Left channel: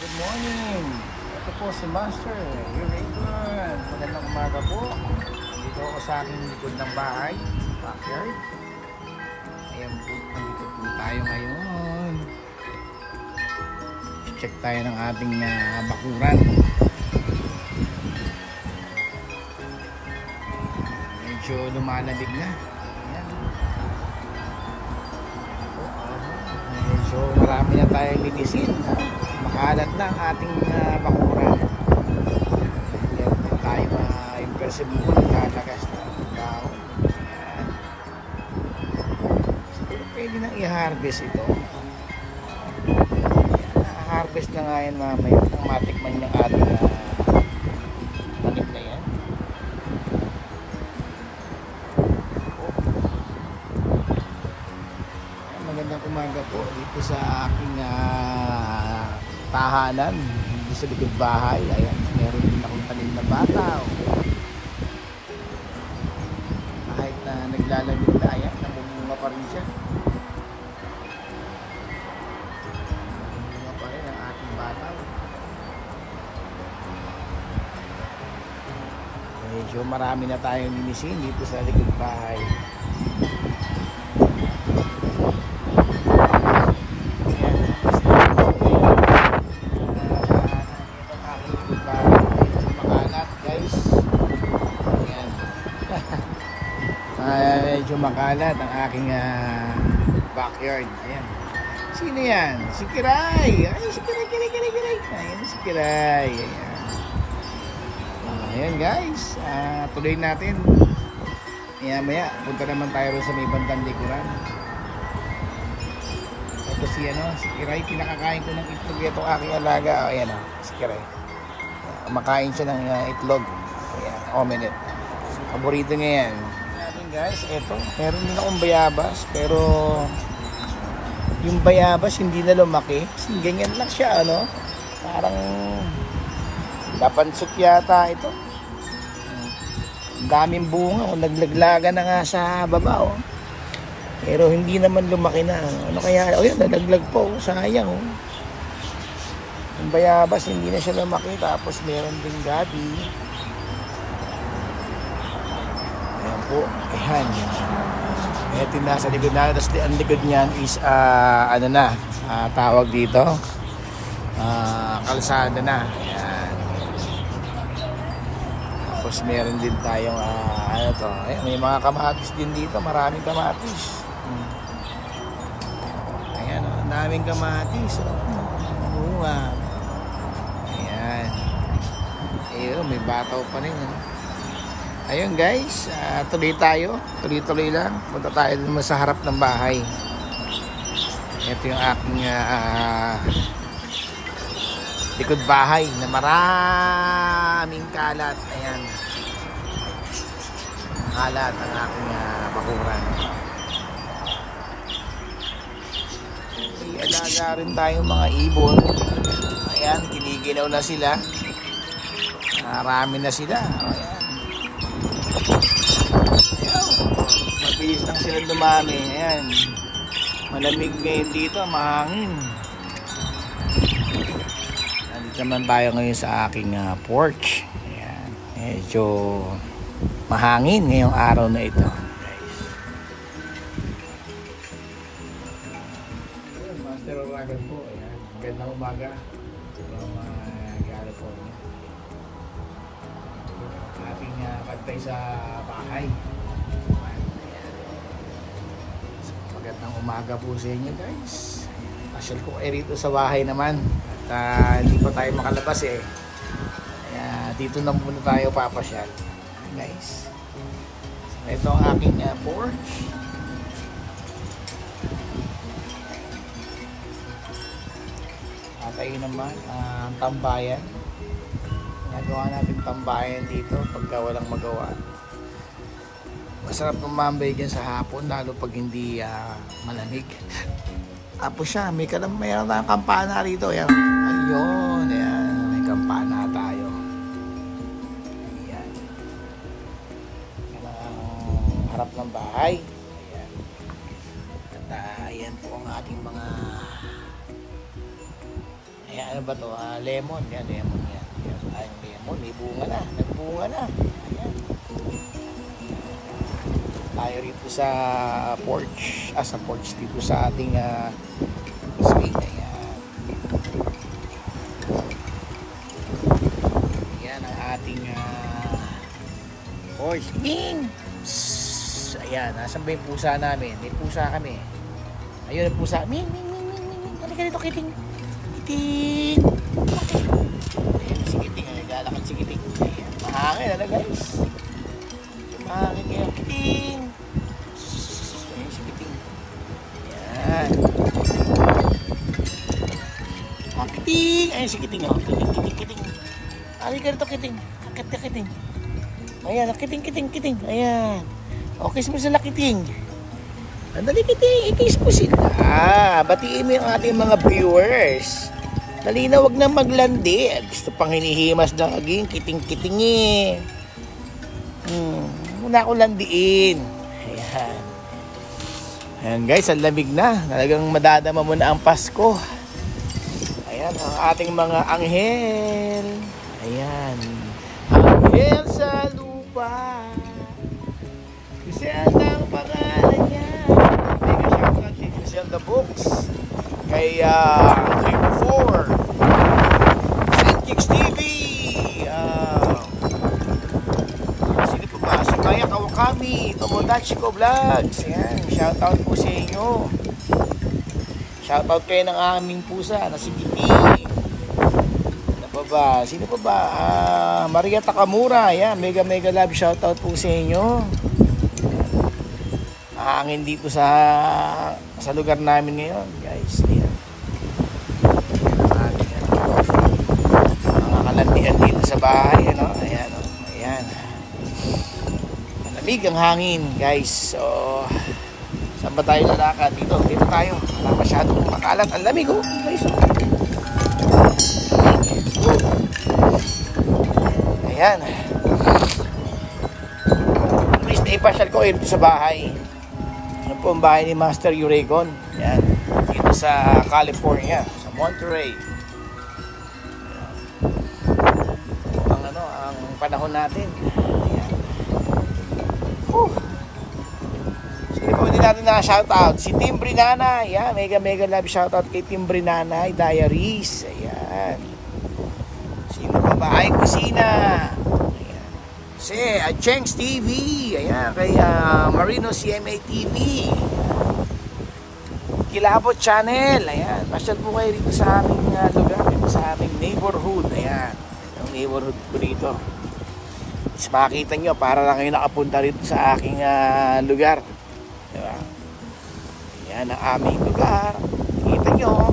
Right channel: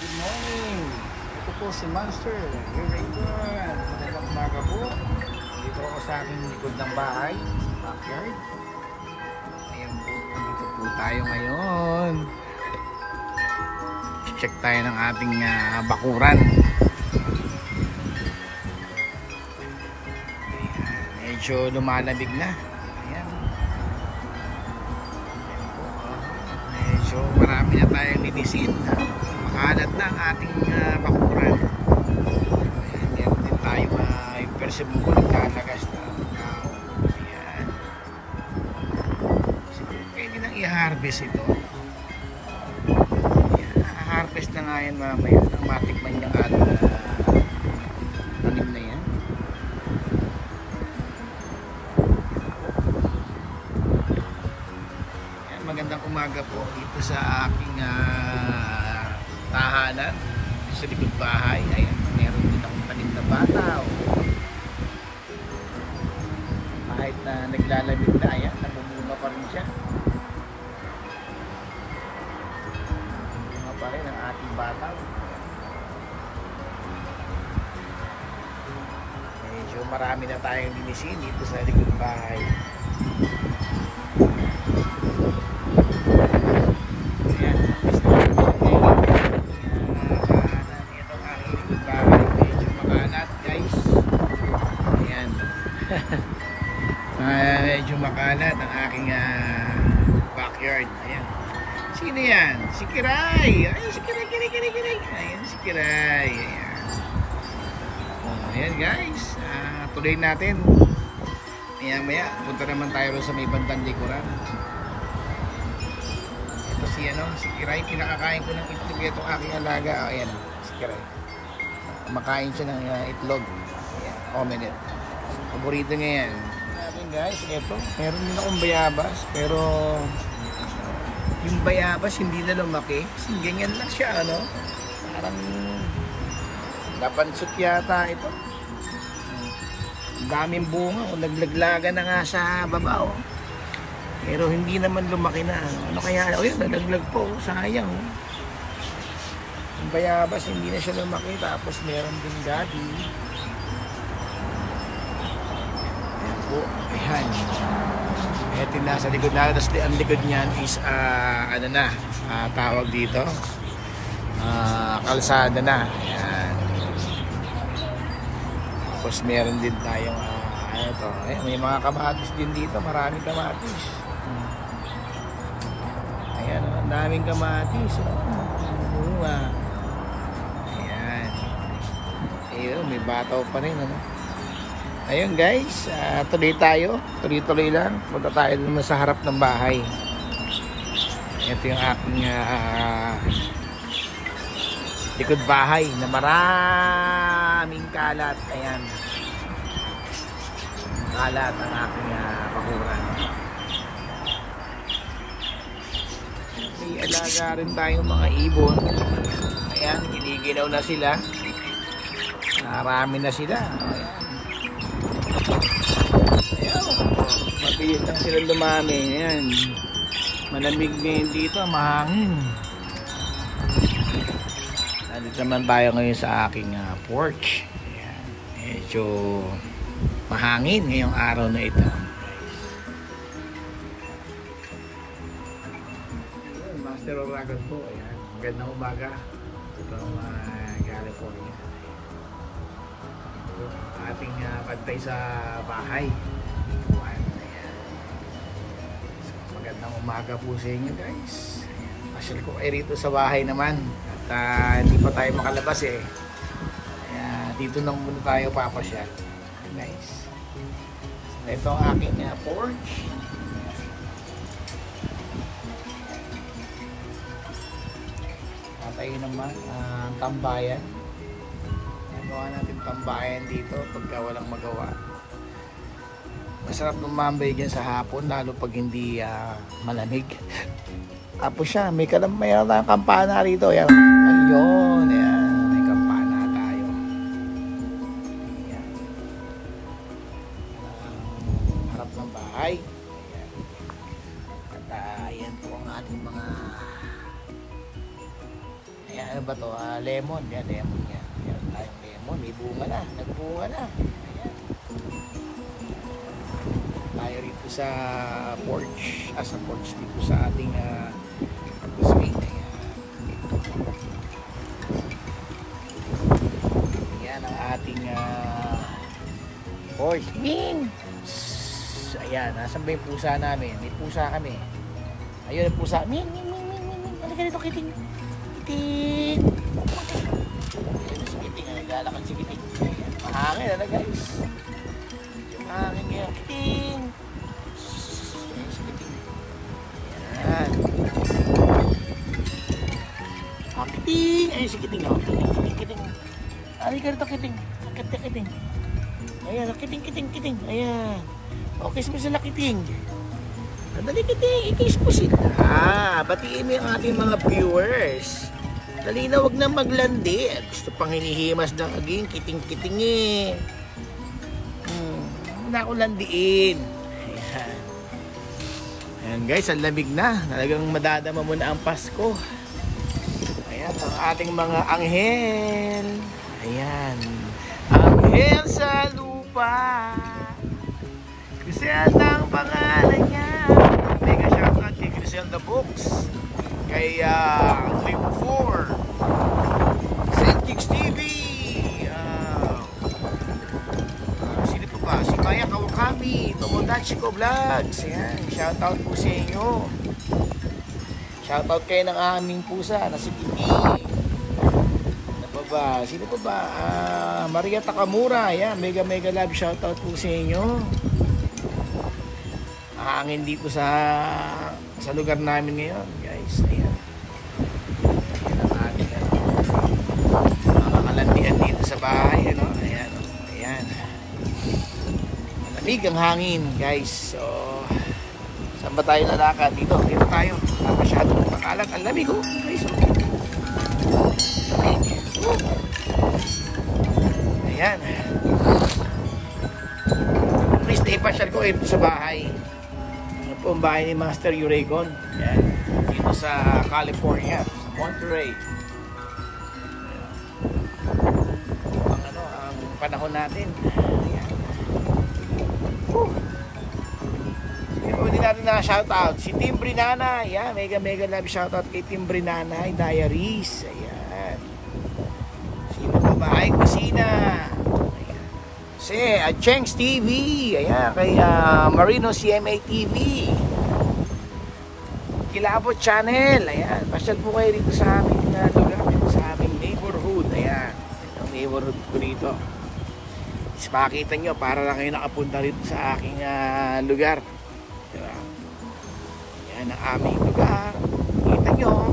Good morning! Ito po si Master. Here we go. Magandang umaga po. Dito ako sa aking likod ng bahay, backyard. Ayan po, nandito po tayo ngayon. Check tayo ng ating bakuran. Ayan, medyo lumalamig na. Ayan. Ayan po, medyo marami na tayong litisin. Makalat na ang ating bakuran. Meron din tayo yung persimmon, kalagas na kao. Ayan. Siguro pwede nang i-harvest ito. Harvest na nga yan mamaya nang matikman yung ating tanim na yan. Ayan, magandang umaga po dito sa aking tahanan dito sa likod bahay. Ayan, meron din akong tanim na bataw. Kahit na naglalamig na, ayan, namumunga pa rin siya. Pa rin ang ating bataw. Medyo marami na tayong minisin dito sa likod bahay. Ayan, ito ang aking likod bahay. Makalat guys. Ayan. Medyo makalat ang aking backyard. Ayan. Sino yan? Si Kiray! Ay, si Kiray! Ayan, si Kiray. Ayan. Ayan guys. Tuloy natin. Maya, punta naman tayo sa may bandang likuran. Ito si Kiray. Pinakakain ko ng itlog itong aking alaga. Ayan si Kiray. Kumakain siya ng itlog. Ayan, omelette. Paborito niya yan. Natin guys, ito. Meron din akong bayabas. Pero yung bayabas hindi na lumaki kasi ganyan lang siya, parang napansok yata ito. Ang daming bunga, naglaglaga na nga sa baba, pero hindi naman lumaki na. Ano kaya? Yan, nalaglag po, sayang. Yung bayabas hindi na siya lumaki. Tapos meron din gabi. Ayan po, ayan. Ito yung nasa likod na. Tapos ang likod niyan is tawag dito kalsada na. Ayan. Tapos meron din tayong ayan, may mga kamatis din dito. Maraming kamatis. Ayan ang daming kamatis. Bunga. Ayan. Ayun, may bataw pa rin. Ayun guys, tuloy tayo. Tuloy lang. Punta tayo naman sa harap ng bahay. Ito yung aking likod bahay na maraming kalat. Ayan. Kalat ang aking bakuran. May alaga rin tayong mga ibon. Ayan, kinigilaw na sila. Marami na sila. Ayan. Mabilis lang sila dumami. Ayan. Malamig ngayon dito, mahangin. Nandito naman tayo ngayon sa aking porch. Ayan. Medyo mahangin ngayong araw na ito, guys. Ayan, Master Oragon po. Ayan. Gandang umaga from California. Ating pagtay sa bahay. Magandang umaga po sa inyo guys. Ayan, pasyal ko rito sa bahay naman. At hindi pa tayo makalabas Kaya dito na muna tayo papasyal. Ayan, guys. Ito ang aking porch. Tayo naman ang tambayan. Nagawa natin tambayan dito pagka walang magawa. Masarap lumambay dyan sa hapon, lalo pag hindi malamig. Tapos siya, mayroon tayong kampana rito. Ayan. Ayun, ayan, may kampana tayo. Ayan. Ayan ang harap ng bahay. Ayan. At ayan po ang ating mga ano ba to? Lemon. Yan, lemon yan. Yan, tayong lemon. May bunga na. Nagbunga na. Ayan. Tayo rito sa porch. Sa porch dito sa ating Spain. Ayan. Yan ang ating porch. Ming! Ayan, nasan ba yung pusa namin? May pusa kami. Ayun ang pusa. Ming! Halika dito, Kiting. Kiting! Okay. Ayun si Kiting. Naglalakad si Kiting. Ayan, mahangin na guys. Mahangin ngayon. Kiting! Ayun si Kiting. Ayan. Kiting! Ayun si Kiting. Kiting. Halika dito, Kiting. Akit ka, Kiting. Ayan, Kiting. Ayan. Okay, mo sila, Kiting. Andali, Kiting. I-kiss po sila. Batiin mo yung ating mga viewers. Dali na, wag na maglandi. Gusto pang hinihimas na aging Kiting eh. Muna ako landiin. Ayan. Ayan guys, ang lamig na. Talagang madadama mo na ang Pasko. Ayan, ang ating mga anghel. Ayan. Anghel sa lupa. Crisel ang pangalan niya. Mega shoutout kay Crisel the Books. Kay Q4. St. Kicks TV. Sino po ba? Si Maya Kawakami. Tomodachi ko Vlogs. Ayan. Shoutout po sa inyo. Shoutout kayo ng aming pusa na si Kitty. Sino pa ba? Maria Takamura. Ayan, mega love shoutout po sa inyo. Hangin dito sa lugar namin ngayon, guys. Ayan. Ayan ang ating mga kalandian dito sa bahay, ano? Ayan, ayan. Malamig ang hangin, guys. So, saan ba tayo lalakad? Dito tayo. Wala masyadong makalat. Ang lamig, guys. Ayan. Please na-ipasyal ko dito sa bahay. Ano po ang bahay ni Master Uregon. Ayan. Dito sa California, sa Monterey. Ayan. Ang panahon natin. Ayan. Sige po, hindi natin na shoutout. Si Tim Brinana. Ayan. Mega love shoutout kay Tim Brinana. Diaries. Ayan. Sino pa ba? Ay, Kusina. Ayan. Si Chengs TV. Ayan. Kay Marino CMA TV. Kilabot Channel. Ayan. Pasyal po kayo rito sa aming lugar. Sa aming neighborhood. Ayan. Itong neighborhood ko rito. Is makita nyo para lang kayo nakapunta rito sa aking lugar. Diba? Ayan ang aming lugar. Kita nyo.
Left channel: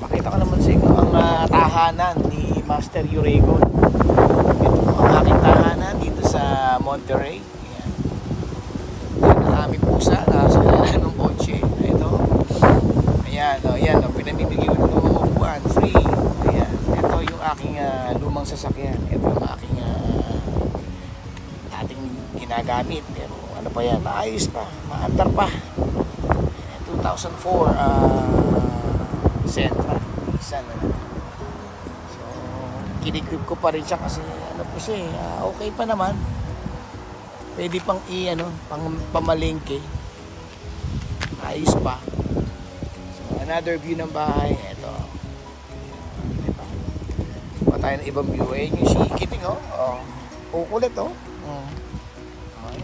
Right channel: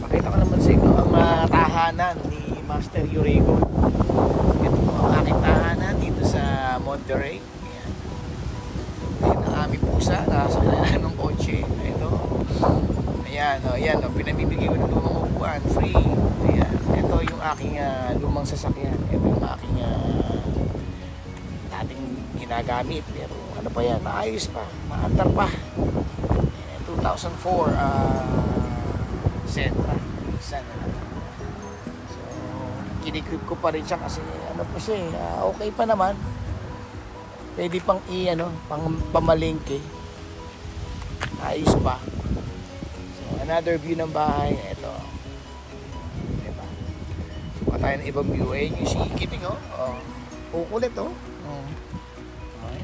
Makita ko naman sa inyo ang tahanan ni Master Uregon. Ito po ang aking tahanan dito sa Monterey. Ayan. Ayan ang aming pusa. Nasa ilalim ng kotse. Ito. Ayan. Pinamibigay ko ng lumang upuan. Free. Ayan. Ito yung aking lumang sasakyan. Ito yung aking dating ginagamit. Pero ano pa yan? Maayos pa. Maandar pa. Ayan, 2004 Sentra. So, kinigrip ko pa rin siya kasi ano pa siya okay pa naman. Pwede pang pang pamalengke. Ayos pa. So, another view ng bahay. Ito. Diba? Kuha tayo ng ibang view. Ayan yung si Kiting, kukulit, ayan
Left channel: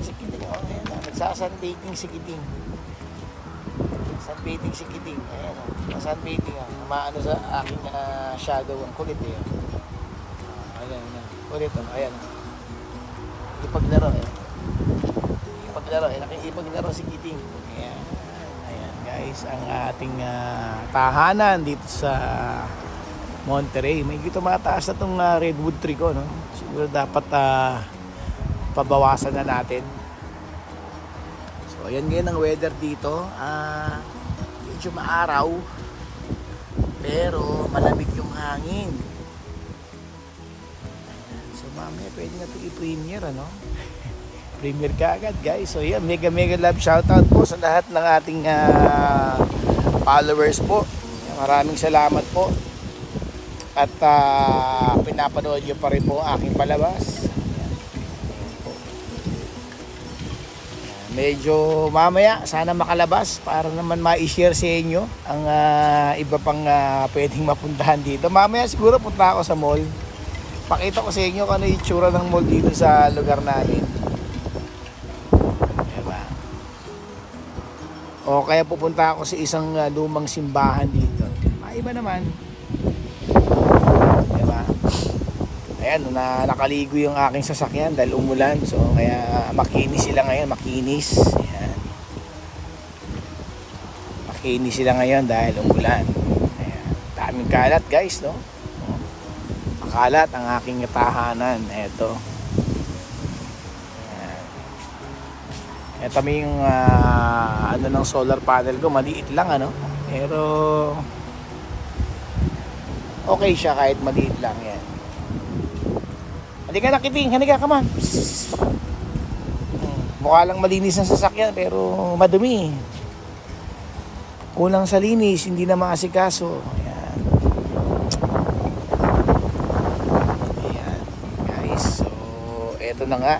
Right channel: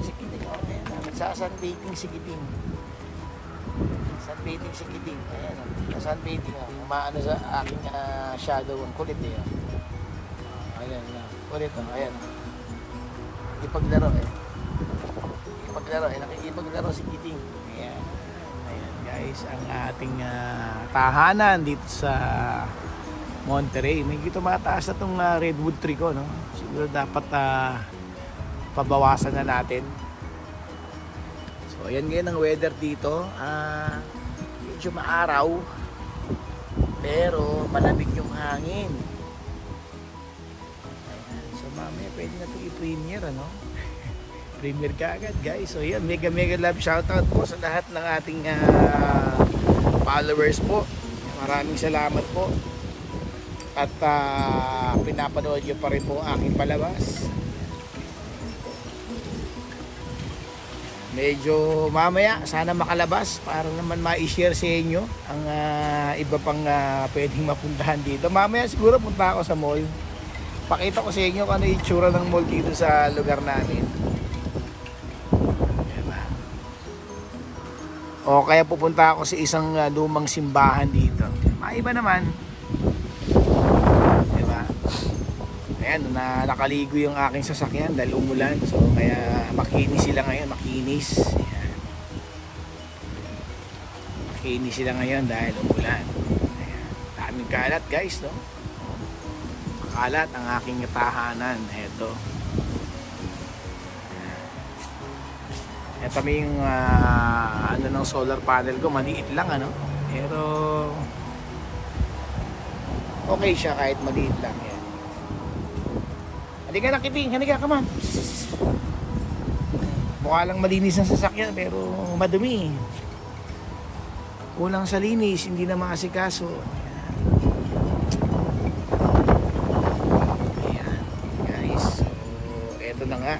si Kiting, ayan. Nagsasunbathing si Kiting. Sunbathing si Kiting. Ayan sunbathing maano sa aking shadow. Ang kulit ayan kulit ayan ipaglaro nakikipaglaro si Kiting. Ayan guys ang ating tahanan dito sa Monterey. May gito mataas na itong redwood tree ko, no? Siguro dapat pabawasan na natin. So ayan ngayon ang weather dito. Medyo maaraw pero malamig yung hangin. Ayan. So mamaya pwede na ito i-premiere, premiere ka agad guys. So yan, mega love shoutout po sa lahat ng ating followers po. Maraming salamat po. At pinapanood nyo pa rin po aking palabas. Medyo mamaya sana makalabas para naman ma-share sa inyo ang iba pang pwedeng mapuntahan dito. Mamaya siguro punta ako sa mall. Pakita ko sa inyo kung ano yung itsura ng mall dito sa lugar namin. Diba? O kaya pupunta ako sa isang lumang simbahan dito. Maiba naman. Diba? Ayan, nakaligo yung aking sasakyan dahil umulan. So, kaya makinis sila ngayon. Makinis. Ayan. Makinis sila ngayon dahil umulan. Ayan. Daming kalat guys, no? Makalat ang aking tahanan. Eto. Ayan. Eto yung ano ng solar panel ko. Maliit lang, ano? Pero okay siya kahit maliit lang. Yan. Halika na, Kiting. Halika, come on. Mukha lang malinis ang sasakyan pero madumi. Kulang sa linis, hindi na maasikaso. Ayan. Ayan, guys. So, eto na nga.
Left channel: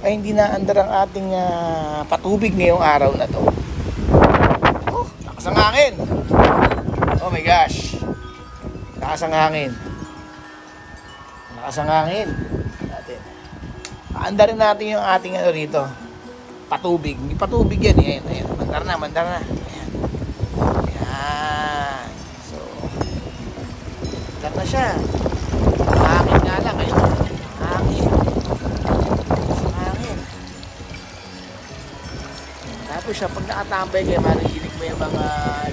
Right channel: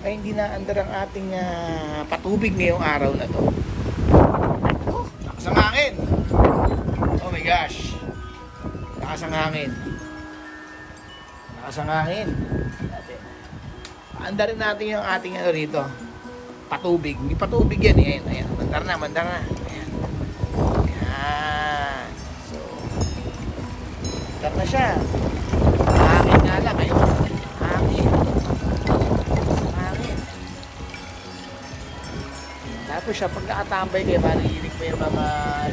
Ay, hindi na andar ang ating patubig ngayong araw na to. Oh, lakas ang hangin. Oh my gosh. Lakas ang hangin. Lakas ang hangin. Paandarin natin yung ating ano rito. Patubig. Hindi patubig yan. Ayan, ayan. Mandar na, mandar na. Ayan. Ayan. So, mandar na siya. Hangin nga lang. Ayun. Hangin. Hangin. Tapos siya, pag nakatambay kayo, marinig mo yung mga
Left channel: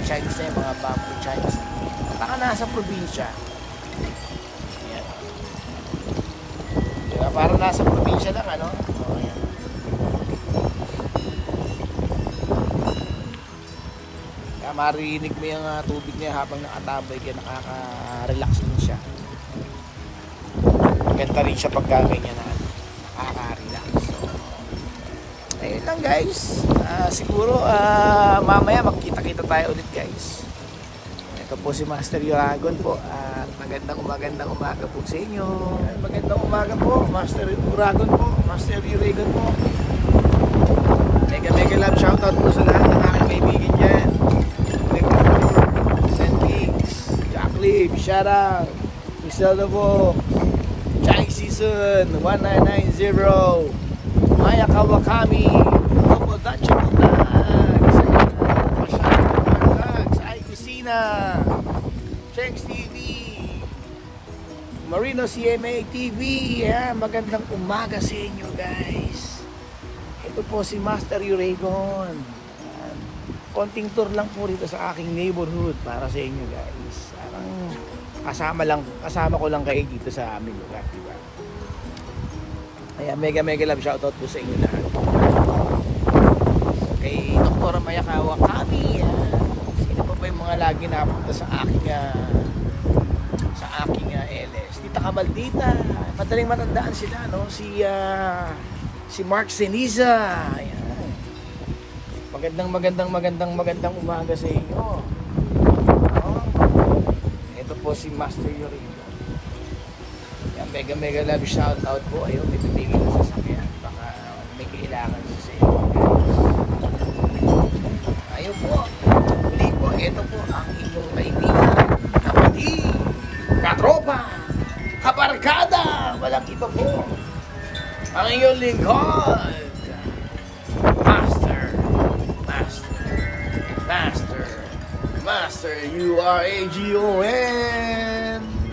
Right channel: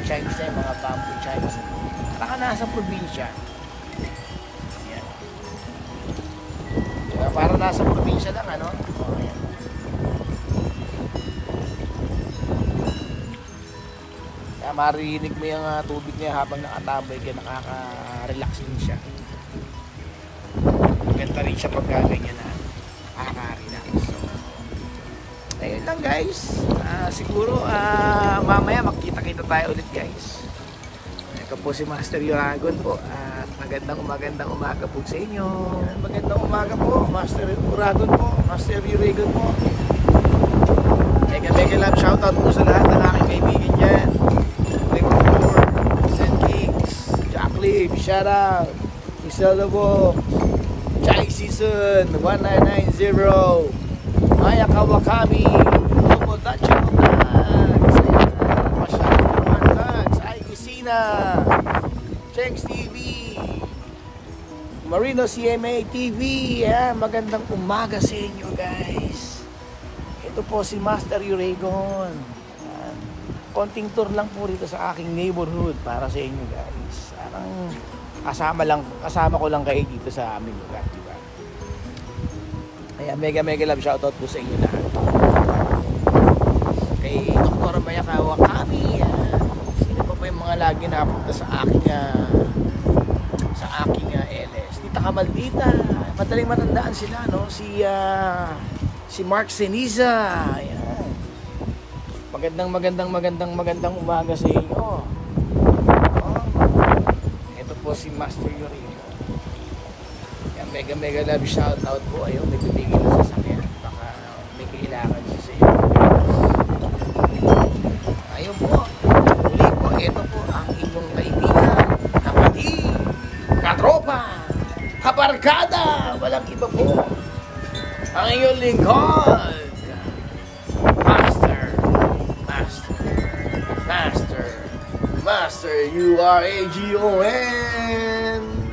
chimes na yung mga bamboo chimes. Parang nasa probinsya. Ayan. Diba? Parang nasa probinsya lang, ano? O, ayan. Kaya marinig mo yung tubig niya habang nakatambay kaya nakaka-relax din siya. Maganda rin siya pagka ganyan na nakaka-relax. So, ayun lang guys. Siguro mamaya magkita-kita tayo ulit guys. Ito po si Master Uragon po at magandang umaga po sa inyo. Magandang umaga po, Master Uragon po, Master Uragon po. Mega love shoutout po sa lahat ng aking kaibigan dyan. St. Kings, Jacqueline, shoutout, Isela po, Chinese Season 1990, Maya Kawakami, Double Dutch Chengs TV, Marino CMA TV. Yan, magandang umaga sa inyo guys. Ito po si Master Uragon. Yan. Konting tour lang po rito sa aking neighborhood para sa inyo guys. Parang kasama ko lang kayo dito sa aming lugar, diba? Kaya mega love shoutout po sa inyo lahat. Kay Dr. Maya Kawakami. Yan. Yung mga lagi napunta sa aking LS. Tita Kamaldita, madaling matandaan sila, no? Si Mark Seniza. Ayan. Magandang umaga sa inyo. Ito po si Master Yorino. Yan, mega love shout out po. Ayun, may bibigil na sasakyan. Baka may kailangan siya sa inyo. Ayun po. Muli po, ito po ang inyong kaibigan, kapatid, katropa, kabarkada, walang iba po. Ang inyong lingkod, Master, Uragon.